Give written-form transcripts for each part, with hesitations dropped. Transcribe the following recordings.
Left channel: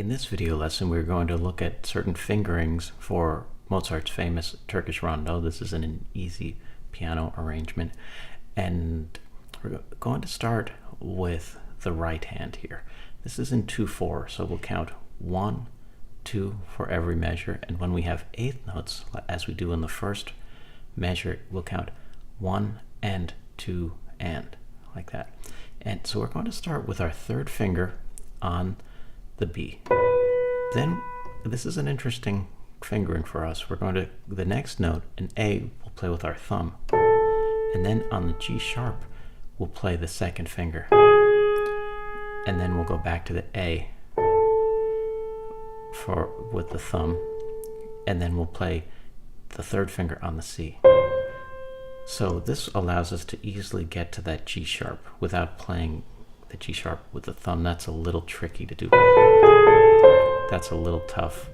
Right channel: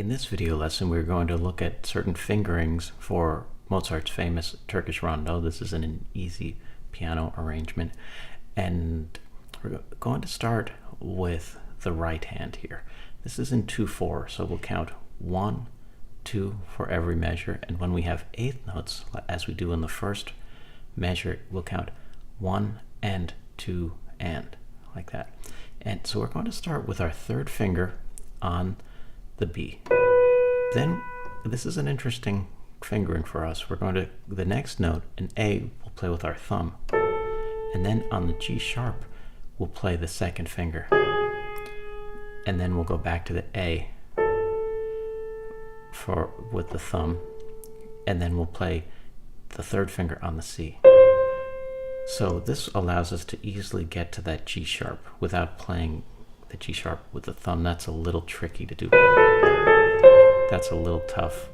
In this video lesson, we're going to look at certain fingerings for Mozart's famous Turkish Rondo. This is an easy piano arrangement, and we're going to start with the right hand here. This is in 2/4, so we'll count 1, 2 for every measure, and when we have eighth notes, as we do in the first measure, we'll count 1 and 2 and, like that. And so we're going to start with our third finger on the B. Then this is an interesting fingering for us. We're going to, the next note, an A, we'll play with our thumb, and then on the G sharp we'll play the second finger, and then we'll go back to the A with the thumb, and then we'll play the third finger on the C. So this allows us to easily get to that G sharp without playing the G sharp with the thumb. That's a little tricky to do. That's a little tough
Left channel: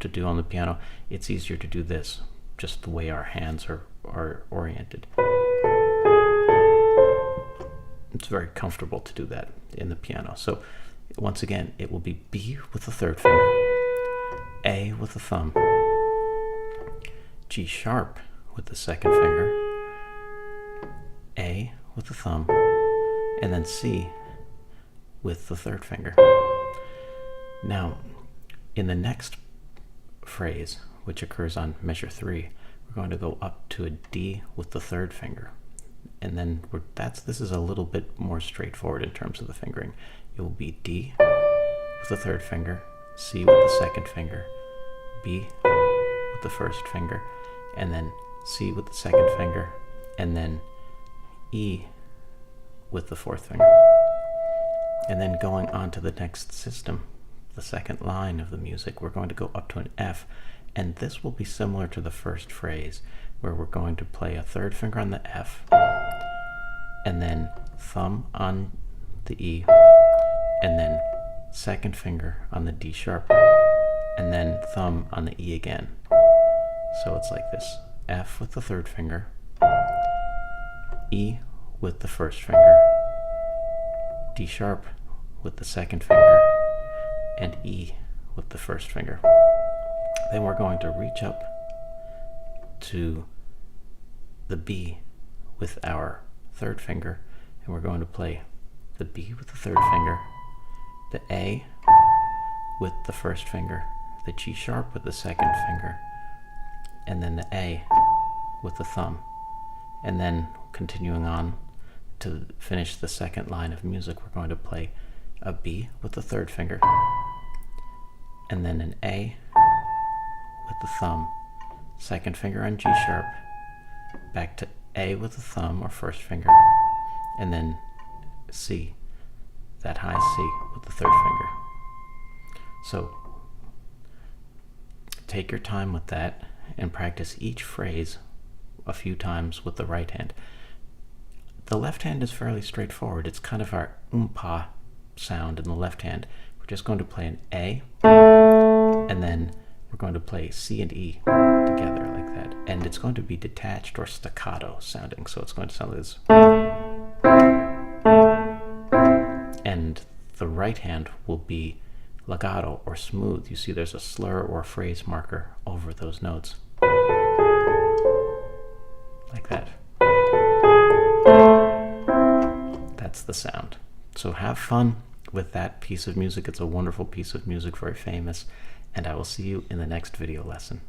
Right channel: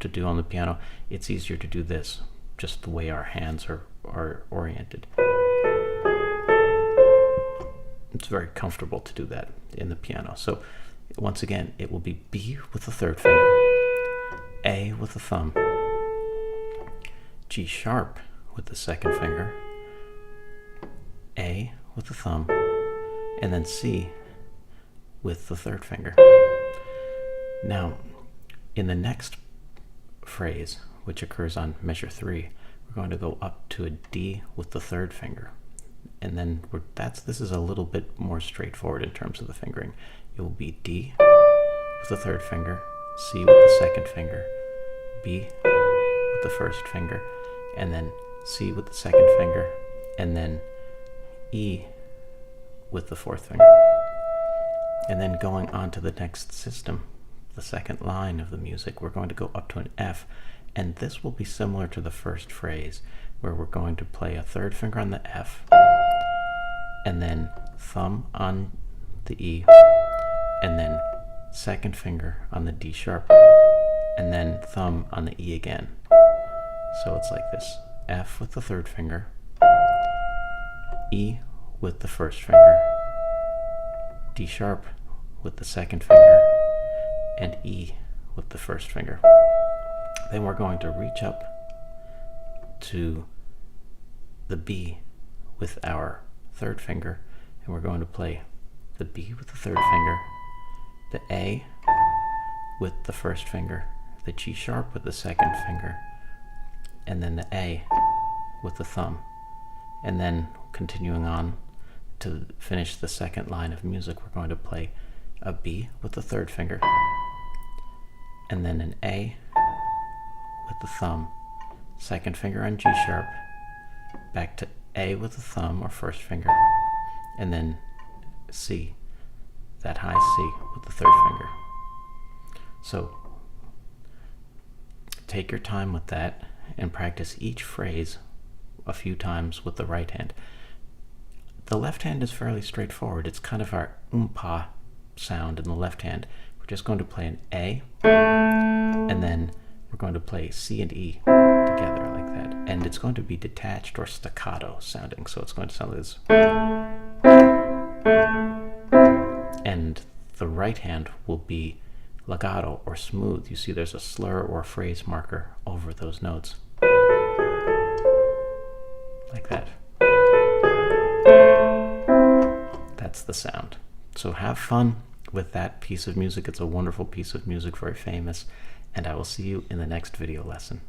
to do on the piano. It's easier to do this, just the way our hands are oriented. It's very comfortable to do that in the piano. So once again, it will be B with the third finger, A with the thumb, G sharp with the second finger, A with the thumb, and then C with the third finger. Now, in the next phrase, which occurs on measure 3, we're going to go up to a D with the third finger. And then this is a little bit more straightforward in terms of the fingering. It will be D with the third finger, C with the second finger, B with the first finger, and then C with the second finger, and then E with the fourth finger. And then going on to the next system, the second line of the music, we're going to go up to an F, and this will be similar to the first phrase, where we're going to play a third finger on the F, and then thumb on the E, and then second finger on the D sharp, and then thumb on the E again. So it's like this: F with the third finger, E with the first finger, D sharp with the second finger, and E with the first finger. Then we're going to reach up to the B with our third finger, and we're going to play the B with the third finger, the A with the first finger, the G sharp with the second finger, and then the A with the thumb. And then continuing on to finish the second line of music, we're going to play a B with the third finger, and then an A with the thumb, second finger on G sharp, back to A with the thumb or first finger, and then C, that high C with the third finger. So take your time with that and practice each phrase a few times with the right hand. The left hand is fairly straightforward. It's kind of our pa sound in the left hand. We're just going to play an A, and then we're going to play C and E together like that. And it's going to be detached or staccato sounding, so it's going to sound like this. And the right hand will be legato or smooth. You see there's a slur or a phrase marker over those notes. Like that. That's the sound. So have fun with that piece of music. It's a wonderful piece of music, very famous, and I will see you in the next video lesson.